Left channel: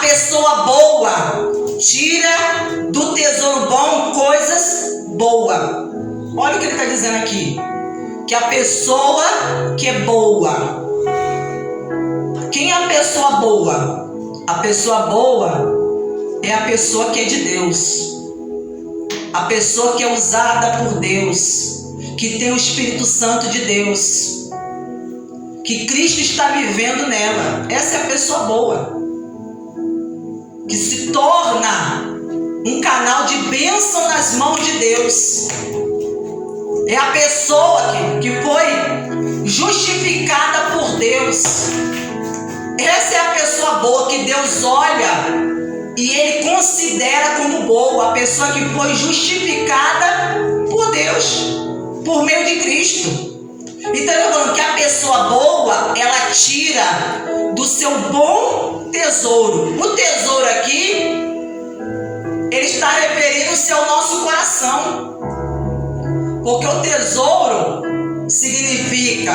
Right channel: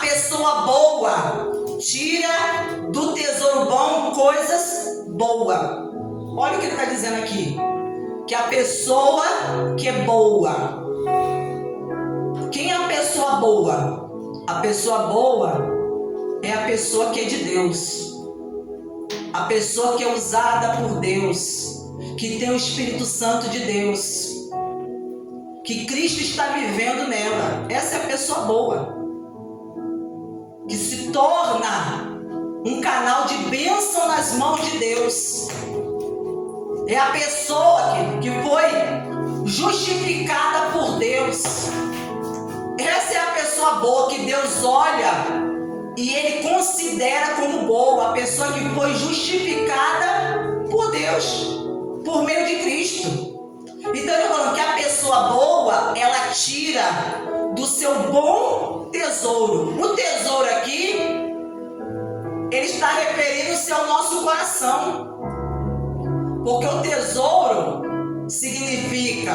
A pessoa boa tira do tesouro bom coisas boas. Olha o que ele está dizendo aqui. Que a pessoa que é boa. Quem é a pessoa boa? A pessoa boa é a pessoa que é de Deus. A pessoa que é usada por Deus. Que tem o Espírito Santo de Deus. Que Cristo está vivendo nela. Essa é a pessoa boa. Que se torna um canal de bênção nas mãos de Deus. É a pessoa que foi justificada por Deus. Essa é a pessoa boa que Deus olha e Ele considera como boa. A pessoa que foi justificada por Deus, por meio de Cristo. Então eu estou falando que a pessoa boa, ela tira do seu bom tesouro. O tesouro aqui, ele está referindo-se ao nosso coração. Porque o tesouro significa,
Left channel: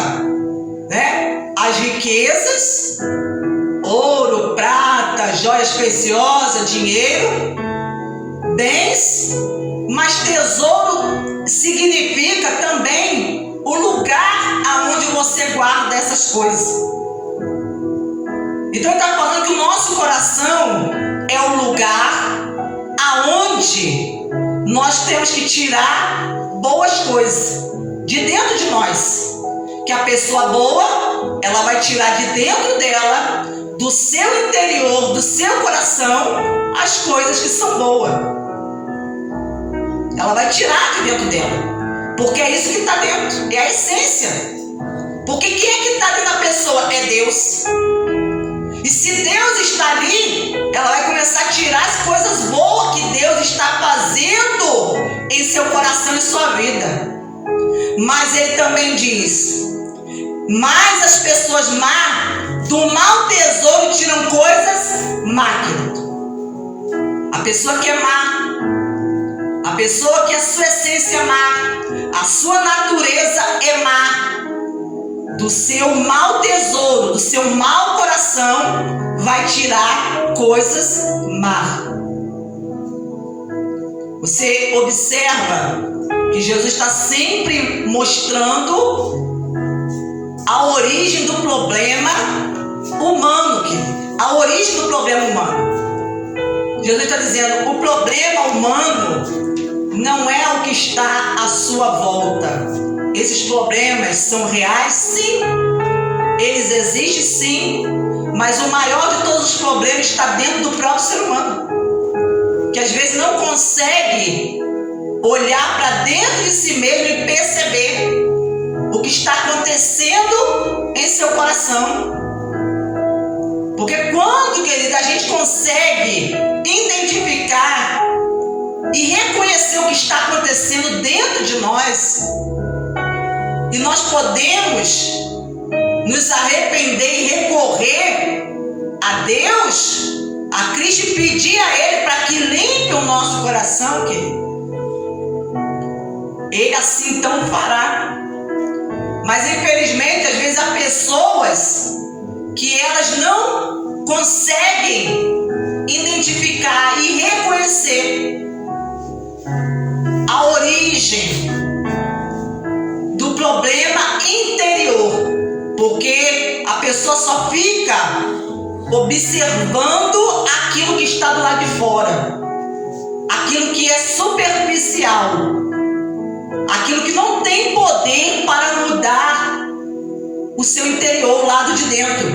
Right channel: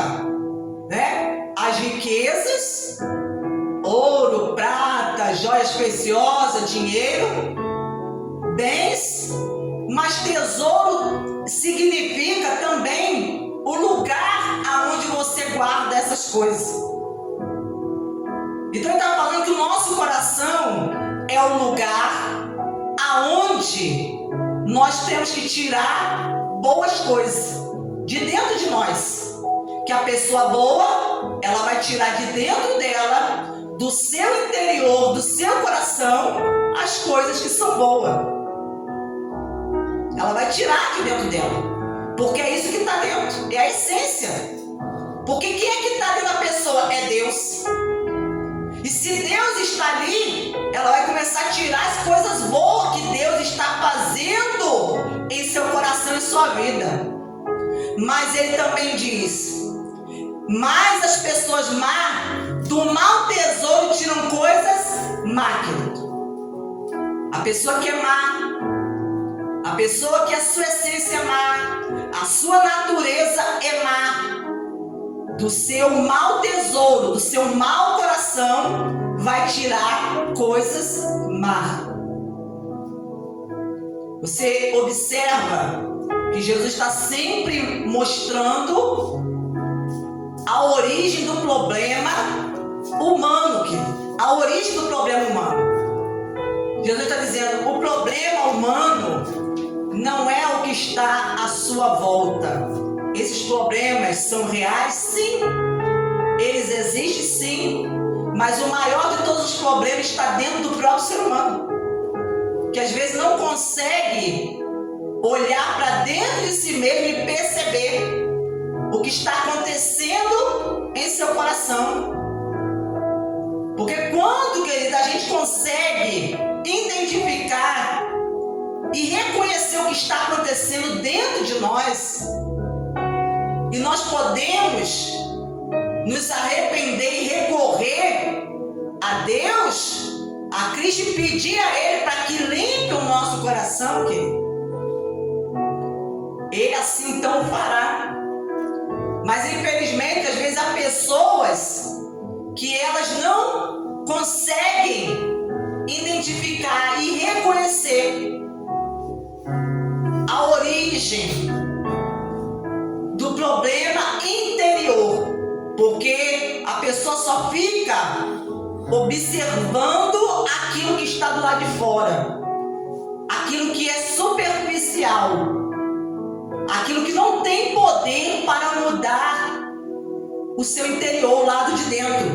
né, as riquezas, ouro, prata, joias preciosas, dinheiro, bens. Mas tesouro significa também o lugar aonde você guarda essas coisas. Então ele está falando que o nosso coração é o lugar aonde nós temos que tirar boas coisas de dentro de nós. Que a pessoa boa, ela vai tirar de dentro dela, do seu interior, do seu coração, as coisas que são boas. Ela vai tirar de dentro dela. Porque é isso que está dentro, é a essência. Porque quem é que está dentro da pessoa? É Deus. E se Deus está ali, ela vai começar a tirar as coisas boas que Deus está fazendo em seu coração e sua vida. Mas ele também diz: mas as pessoas más, do mau tesouro tiram coisas má. A pessoa que é má, a pessoa que a sua essência é má, a sua natureza é má, do seu mau tesouro, do seu mau coração, vai tirar coisas más. Você observa que Jesus está sempre mostrando a origem do problema humano, a origem do problema humano. Jesus está dizendo: o problema humano não é o que está à sua volta. Esses problemas são reais, sim. Eles existem, sim. Mas o maior de todos os problemas está dentro do próprio ser humano, que às vezes não consegue olhar para dentro de si mesmo e perceber o que está acontecendo em seu coração. Porque quando, querido, a gente consegue identificar e reconhecer o que está acontecendo dentro de nós, e nós podemos nos arrepender e recorrer a Deus, a Cristo, e pedir a Ele para que limpe o nosso coração, querido, Ele assim então fará. Mas infelizmente, às vezes há pessoas que elas não conseguem identificar e reconhecer a origem do problema interior, porque a pessoa só fica observando aquilo que está do lado de fora, aquilo que é superficial, aquilo que não tem poder para mudar o seu interior, o lado de dentro.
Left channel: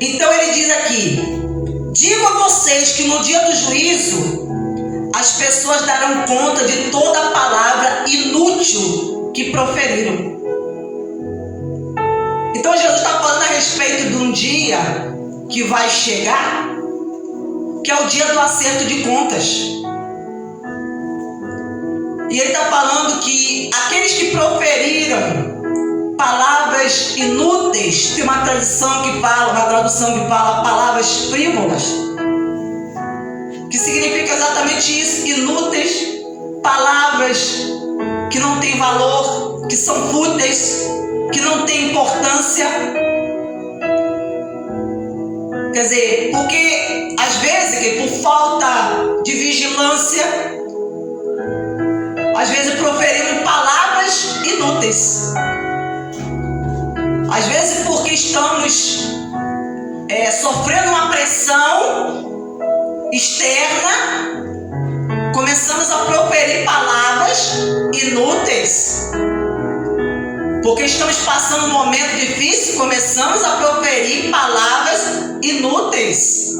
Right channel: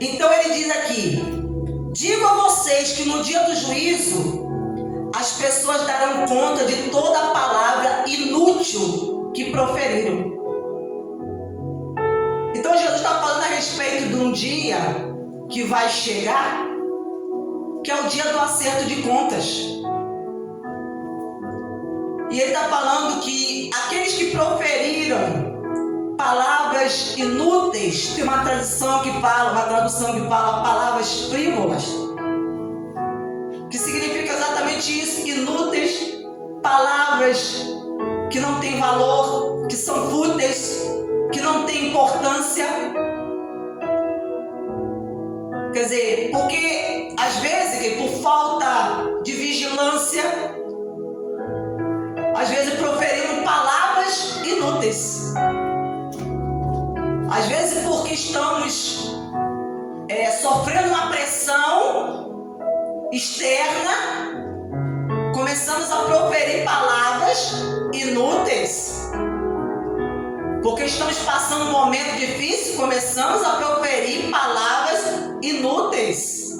Então ele diz aqui: digo a vocês que no dia do juízo as pessoas darão conta de toda a palavra inútil que proferiram. Então Jesus está falando a respeito de um dia que vai chegar, que é o dia do acerto de contas. E ele está falando que aqueles que proferiram palavras inúteis, tem uma tradução que fala palavras frívolas, que significa exatamente isso: inúteis, palavras que não têm valor, que são fúteis, que não têm importância. Quer dizer, porque às vezes, que por falta de vigilância, às vezes proferimos palavras inúteis. Às vezes porque estamos sofrendo uma pressão externa, começamos a proferir palavras inúteis. Porque estamos passando um momento difícil, começamos a proferir palavras inúteis.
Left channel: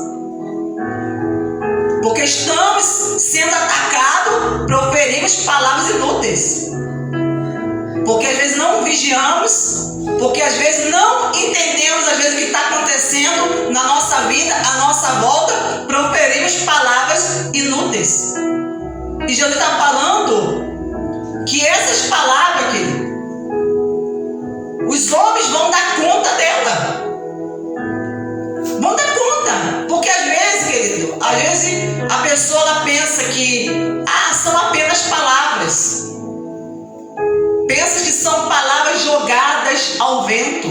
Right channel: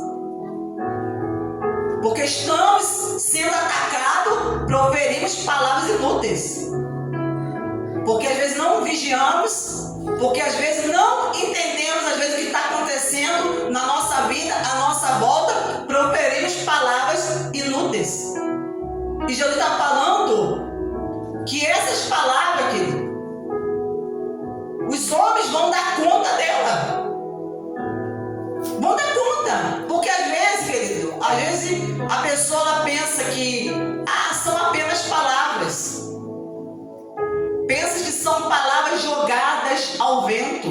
Porque estamos sendo atacados, proferimos palavras inúteis. Porque às vezes não vigiamos, porque às vezes não entendemos às vezes o que está acontecendo na nossa vida, à nossa volta, proferimos palavras inúteis. E Jesus está falando que essas palavras, querido, os homens vão dar conta dela. Vão dar conta. Porque às vezes, querido, a pessoa ela pensa que são apenas palavras. Pensa que são palavras jogadas ao vento.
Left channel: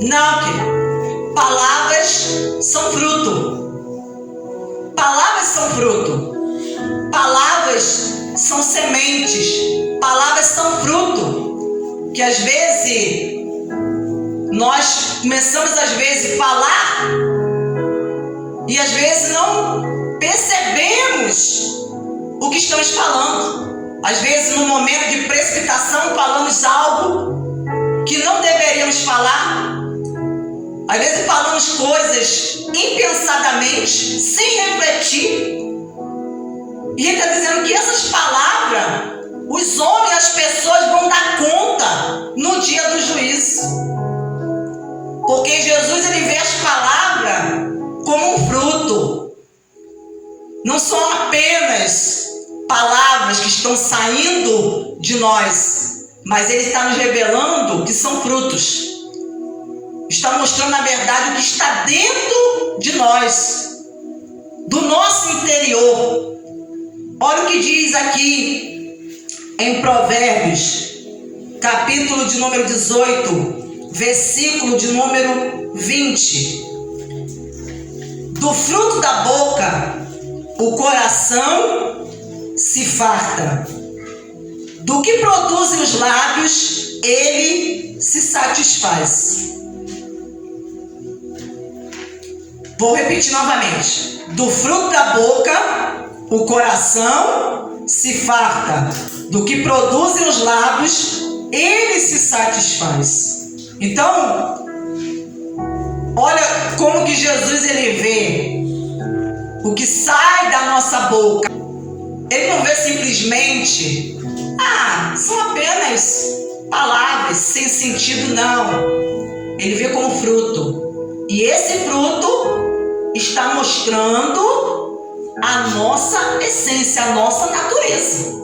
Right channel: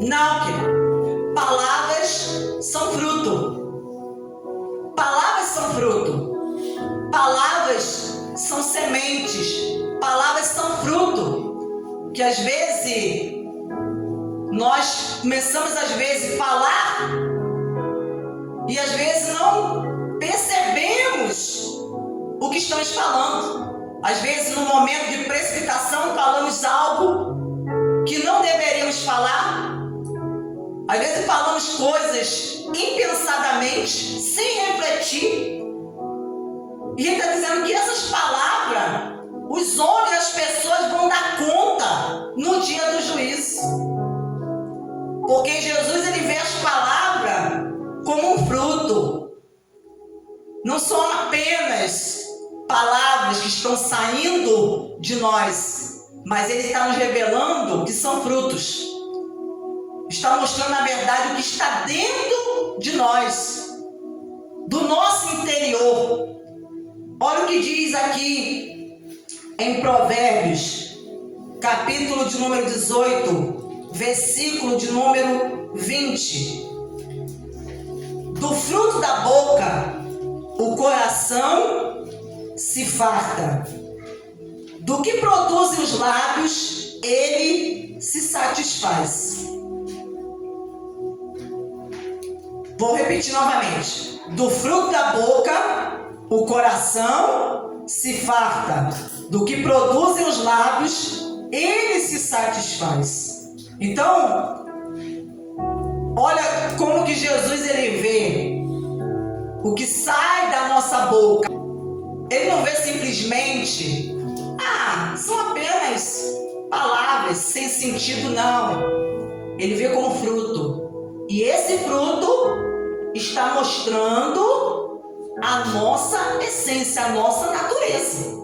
Não, querido. Palavras são fruto. Palavras são fruto. Palavras são sementes. Palavras são fruto. Que às vezes nós começamos às vezes a falar e às vezes não percebemos o que estamos falando. Às vezes no momento de precipitação falamos algo que não deveríamos falar. Às vezes falamos coisas impensadamente, sem refletir. E ele está dizendo que essas palavras os homens, as pessoas vão dar conta no dia do juízo. Porque Jesus ele vê as palavras como um fruto. Não são apenas palavras que estão saindo de nós, mas ele está nos revelando que são frutos. Está mostrando na verdade o que está dentro de nós, do nosso interior. Olha o que diz aqui em Provérbios, capítulo de número 18, versículo de número 20. Do fruto da boca, o coração se farta. Do que produzem os lábios, ele se satisfaz. Vou repetir novamente. Do fruto da boca, o coração se farta. Do que produzem os lábios, ele se satisfaz. Então, olha como que Jesus ele vê o que sai da nossa boca. Ele não vê simplesmente, são apenas palavras sem sentido, não. Ele vê como fruto. E esse fruto está mostrando a nossa essência, a nossa natureza.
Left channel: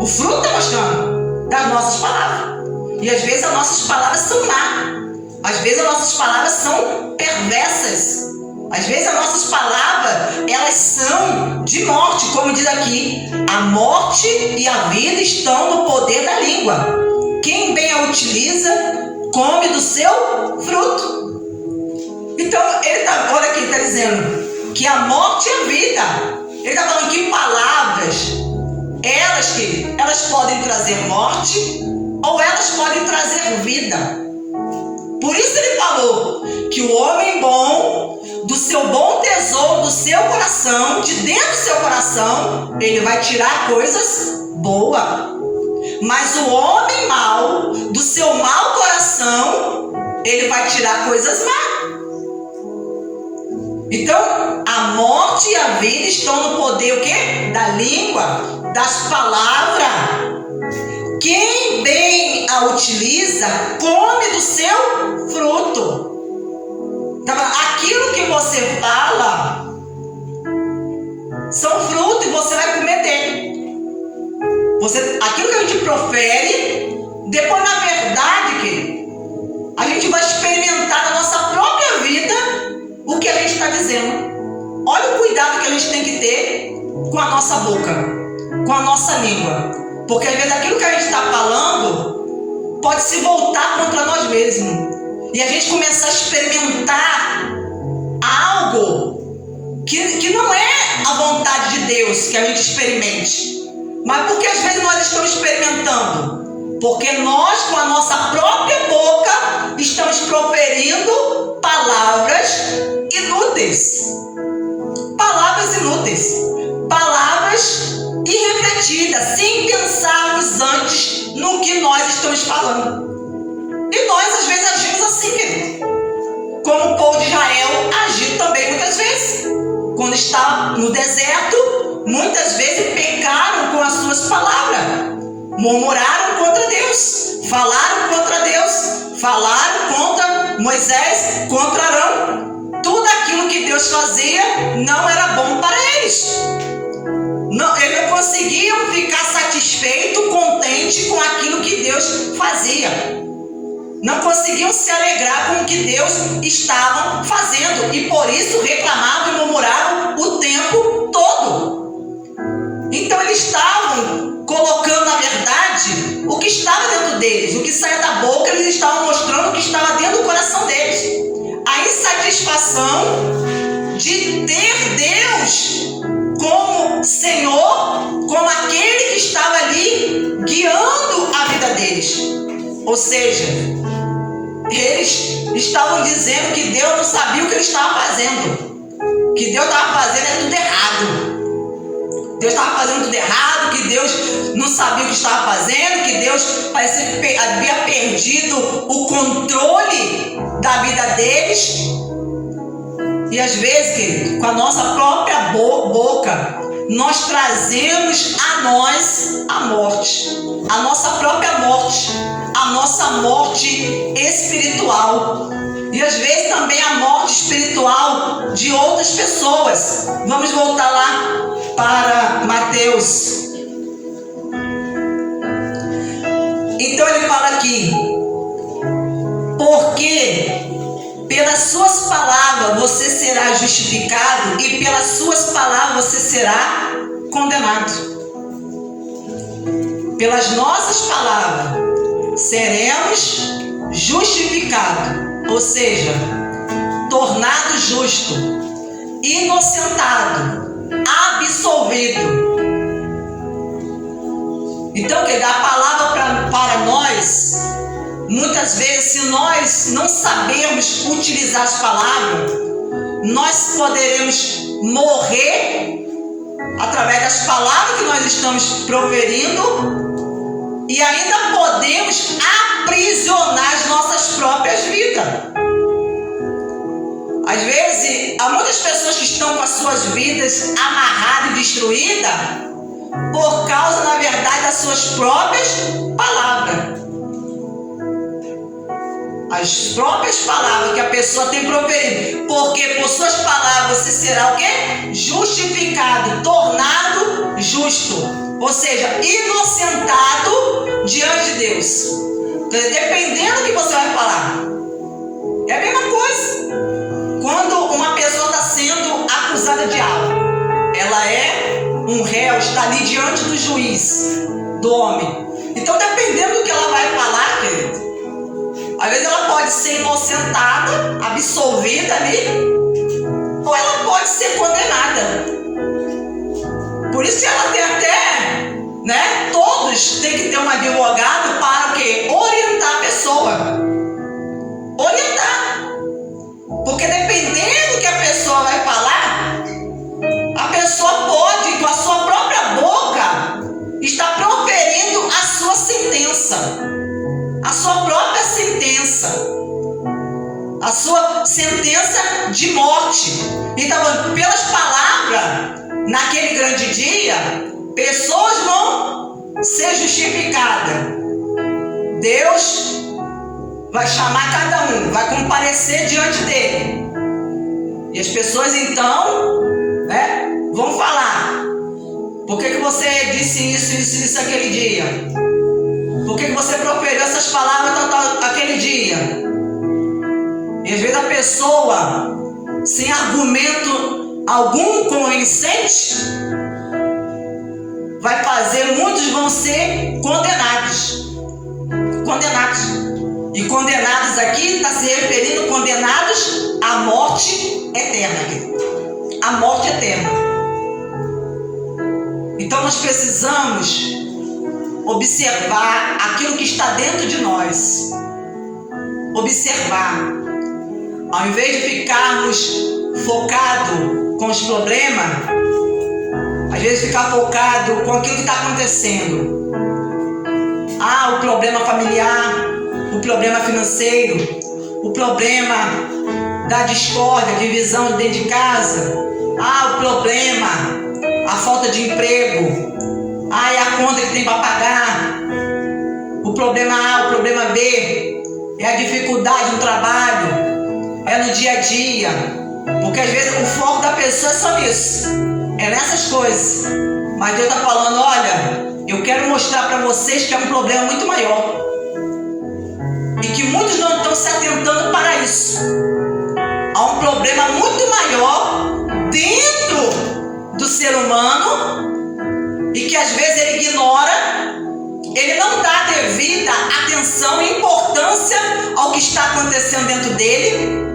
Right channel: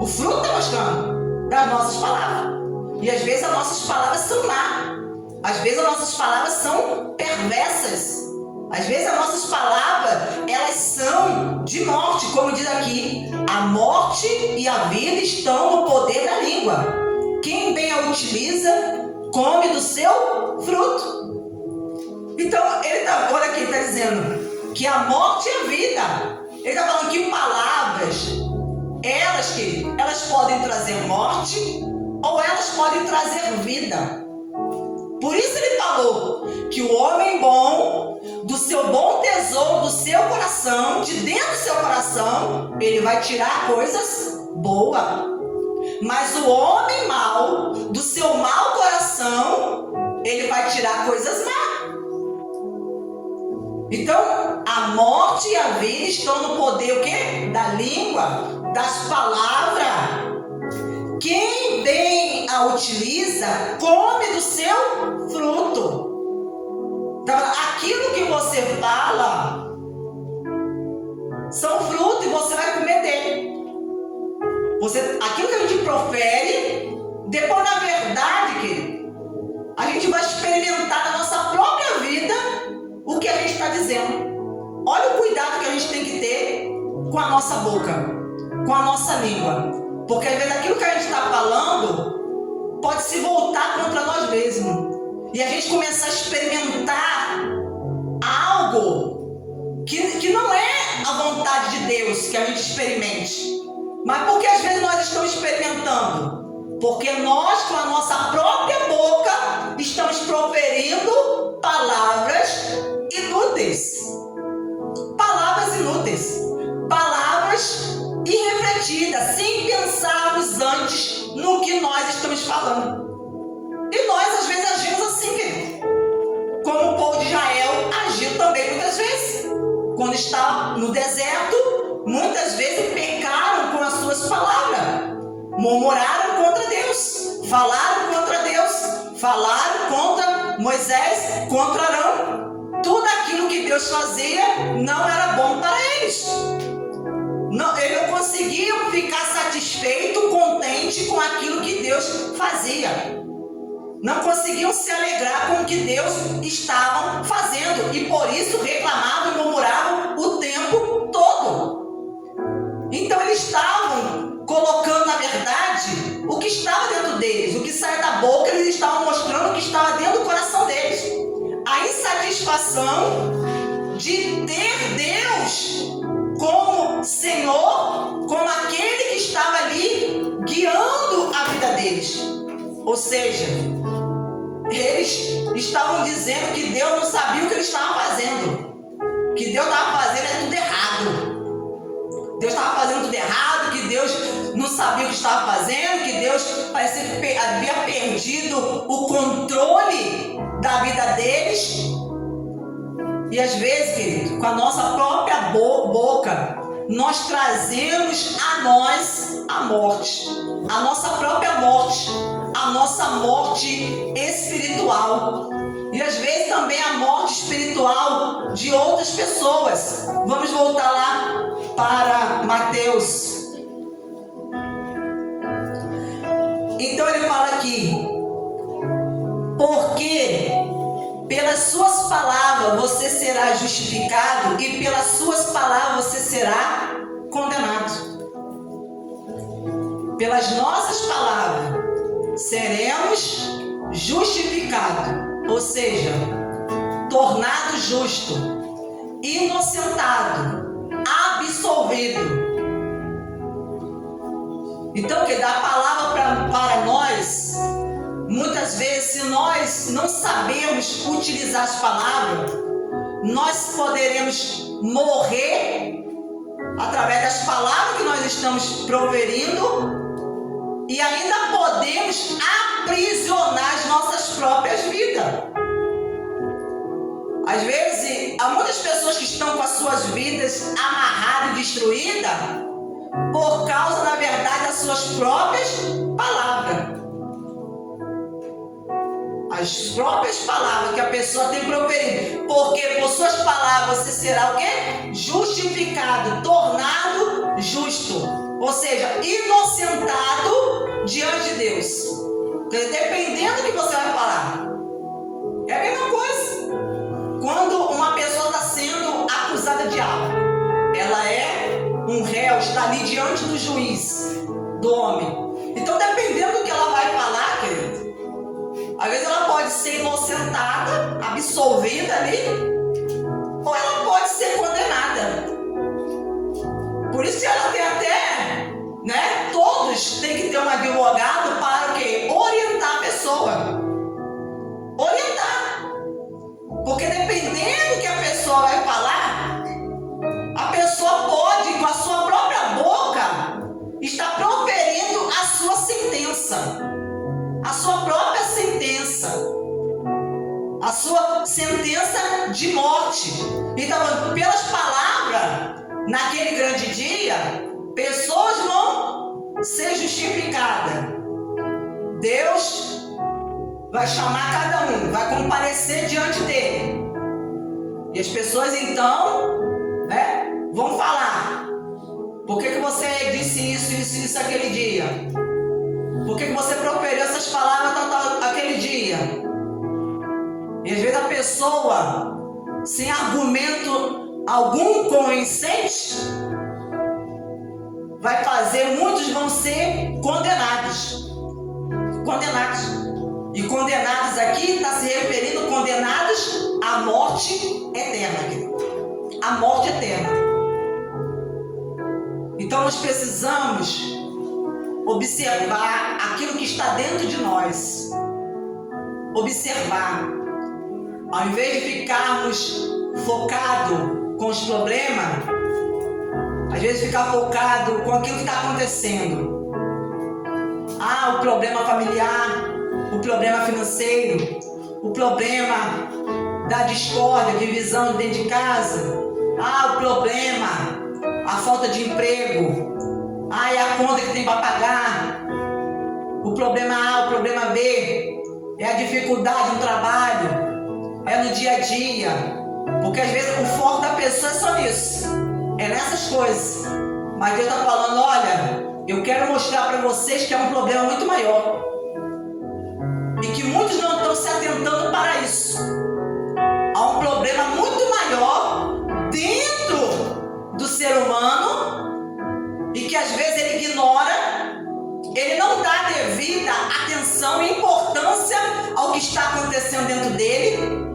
O fruto está mostrando das nossas palavras. E às vezes as nossas palavras são más. Às vezes as nossas palavras são perversas. Às vezes as nossas palavras, elas são de morte, como diz aqui. A morte e a vida estão no poder da língua. Quem bem a utiliza, come do seu fruto. Então, olha aqui, ele está dizendo que a morte e a vida. Ele está falando que palavras, elas podem trazer morte ou elas podem trazer vida. Por isso ele falou que o homem bom, do seu bom tesouro, do seu coração, de dentro do seu coração, ele vai tirar coisas boas. Mas o homem mau, do seu mau coração, ele vai tirar coisas más. Então, a morte e a vida estão no poder o quê? Da língua, das palavras. Quem bem a utiliza, come do seu fruto. Então, aquilo que você fala são frutos e você vai comer dele. Aquilo que a gente profere, depois na verdade, querido, a gente vai experimentar na nossa própria vida o que a gente está dizendo. Olha o cuidado que a gente tem que ter com a nossa boca, com a nossa língua. Porque às vezes aquilo que a gente está falando pode se voltar contra nós mesmos. E a gente começar a experimentar Deus que a gente experimente. Mas por que às vezes nós estamos experimentando? Porque nós, com a nossa própria boca, estamos proferindo palavras inúteis. Palavras inúteis. Palavras irrefletidas, sem pensarmos antes no que nós estamos falando. E nós, às vezes, agimos assim, querido. Como o povo de Israel agiu também muitas vezes. Quando estava no deserto, muitas vezes pecaram com as suas palavras. Murmuraram contra Deus. Falaram contra Deus. Falaram contra Moisés, contra Arão. Tudo aquilo que Deus fazia não era bom para eles. Não, eles não conseguiam ficar satisfeitos, contentes com aquilo que Deus fazia. Não conseguiam se alegrar com o que Deus estava fazendo. E por isso reclamavam e murmuravam o tempo todo. Então eles estavam colocando na verdade o que estava dentro deles. O que saía da boca, eles estavam mostrando o que estava dentro do coração deles. A insatisfação de ter Deus como Senhor, como aquele que estava ali guiando a vida deles. Ou seja, eles estavam dizendo que Deus não sabia o que ele estava fazendo. Que Deus estava fazendo tudo errado. Deus estava fazendo tudo errado, que Deus não sabia o que estava fazendo, que Deus parecia que havia perdido o controle da vida deles. E às vezes, querido, com a nossa própria boca, nós trazemos a nós a morte, a nossa própria morte, a nossa morte espiritual. E às vezes também a morte espiritual de outras pessoas. Vamos voltar lá para Mateus. Então ele fala aqui: porque pelas suas palavras você será justificado e pelas suas palavras você será condenado. Pelas nossas palavras seremos justificados, ou seja, tornado justo, inocentado, absolvido. Então, que a palavra para nós, muitas vezes, se nós não sabemos utilizar as palavras, nós poderemos morrer através das palavras que nós estamos proferindo e ainda podemos aprisionar as nossas próprias vidas. Às vezes, há muitas pessoas que estão com as suas vidas amarradas e destruídas por causa, na verdade, das suas próprias palavras. As próprias palavras que a pessoa tem proferido. Porque por suas palavras você será o quê? Justificado, tornado justo. Ou seja, inocentado diante de Deus. Dependendo do que você vai falar. É a mesma coisa. Quando uma pessoa está sendo acusada de algo, ela é um réu, está ali diante do juiz, do homem. Então, dependendo do que ela vai falar, querido, às vezes ela pode ser inocentada, absolvida ali, ou ela pode ser condenada. Por isso que ela tem até, né? Todos têm que ter um advogado para o quê? Orientar a pessoa. Orientar. Porque dependendo do que a pessoa vai falar, a pessoa pode, com a sua própria boca, estar proferindo a sua sentença. A sua própria sentença. A sua sentença de morte. Então, pelas palavras, naquele grande dia, pessoas vão ser justificadas. Deus vai chamar cada um, vai comparecer diante dele. E as pessoas então, né, vão falar: por que você disse isso aquele dia? Por que você proferiu essas palavras aquele dia? E às vezes a pessoa, sem argumento algum convincente, vai fazer, muitos vão ser condenados. Condenados. E condenados aqui está se referindo condenados à morte eterna. A morte eterna. Então nós precisamos observar aquilo que está dentro de nós. Observar. Ao invés de ficarmos focados com os problemas, às vezes ficar focado com aquilo que está acontecendo. O problema familiar, o problema financeiro, o problema da discórdia, divisão dentro de casa. O problema, a falta de emprego. É a conta que tem para pagar. O problema A, o problema B, é a dificuldade no trabalho, é no dia a dia. Porque às vezes o foco da pessoa é só nisso, é nessas coisas. Mas Deus está falando, olha, eu quero mostrar para vocês que é um problema muito maior. E que muitos não estão se atentando para isso. Há um problema muito maior dentro do ser humano e que às vezes ele ignora, ele não dá devida atenção e importância ao que está acontecendo dentro dele.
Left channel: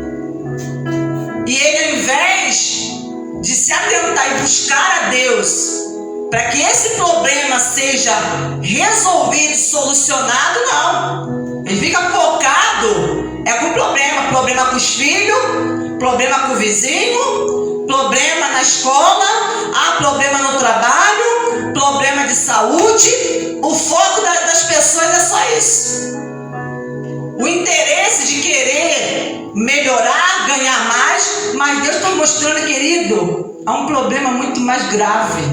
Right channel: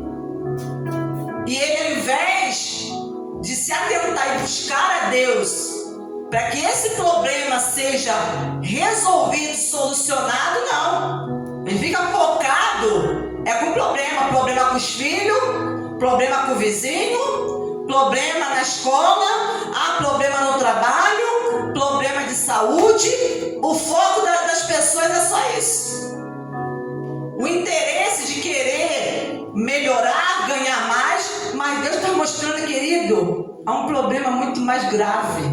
E ele, ao invés de se atentar e buscar a Deus para que esse problema seja resolvido, solucionado, não. Ele fica focado com o problema com os filhos, problema com o vizinho, problema na escola, problema no trabalho, problema de saúde. O foco das pessoas é só isso. O interesse de querer melhorar, ganhar mais, mas Deus está mostrando, querido, há um problema muito mais grave,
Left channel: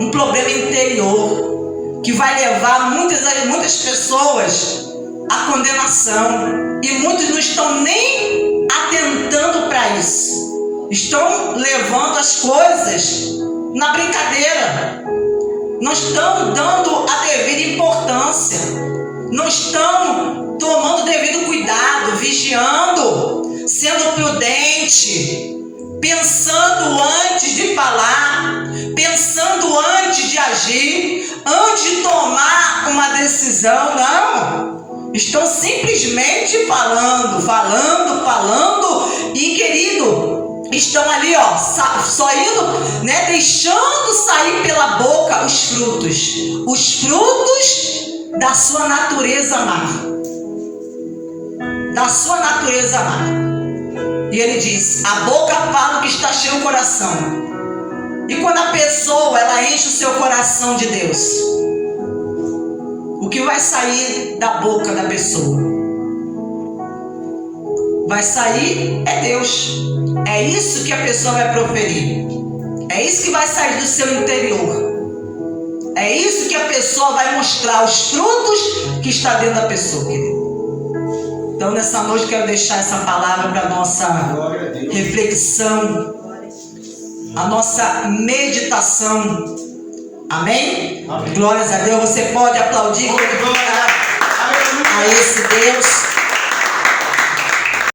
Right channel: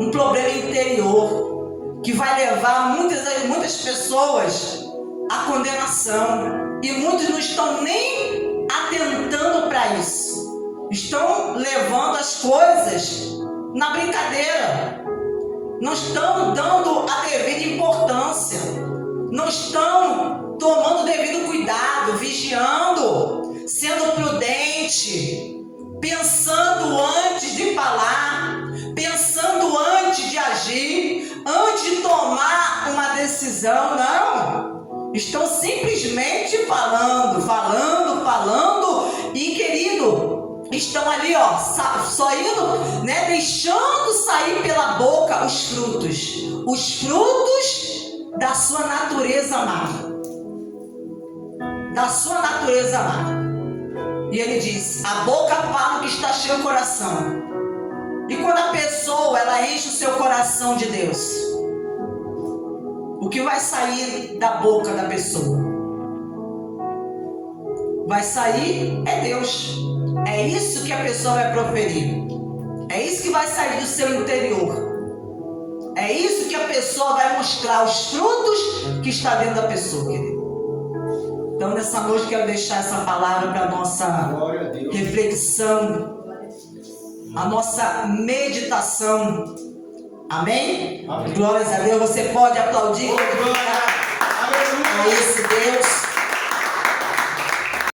um problema interior, que vai levar muitas pessoas à condenação, e muitos não estão nem atentando para isso, estão levando as coisas na brincadeira, não estão dando a devida importância, não estão tomando o devido cuidado, vigiando, sendo prudente, pensando antes de falar, pensando antes de agir, antes de tomar uma decisão. Não, estão simplesmente falando, e, querido, estão ali, só indo, deixando sair pela boca os frutos da sua natureza má. E ele diz, a boca fala o que está cheio o coração. E quando a pessoa, ela enche o seu coração de Deus, o que vai sair da boca da pessoa? Vai sair é Deus. É isso que a pessoa vai proferir. É isso que vai sair do seu interior. É isso que a pessoa vai mostrar, os frutos que está dentro da pessoa, querido. Então nessa noite eu quero deixar essa palavra para a nossa reflexão, a nossa meditação. Amém? Amém. Glórias a Deus. Você pode aplaudir a esse Deus.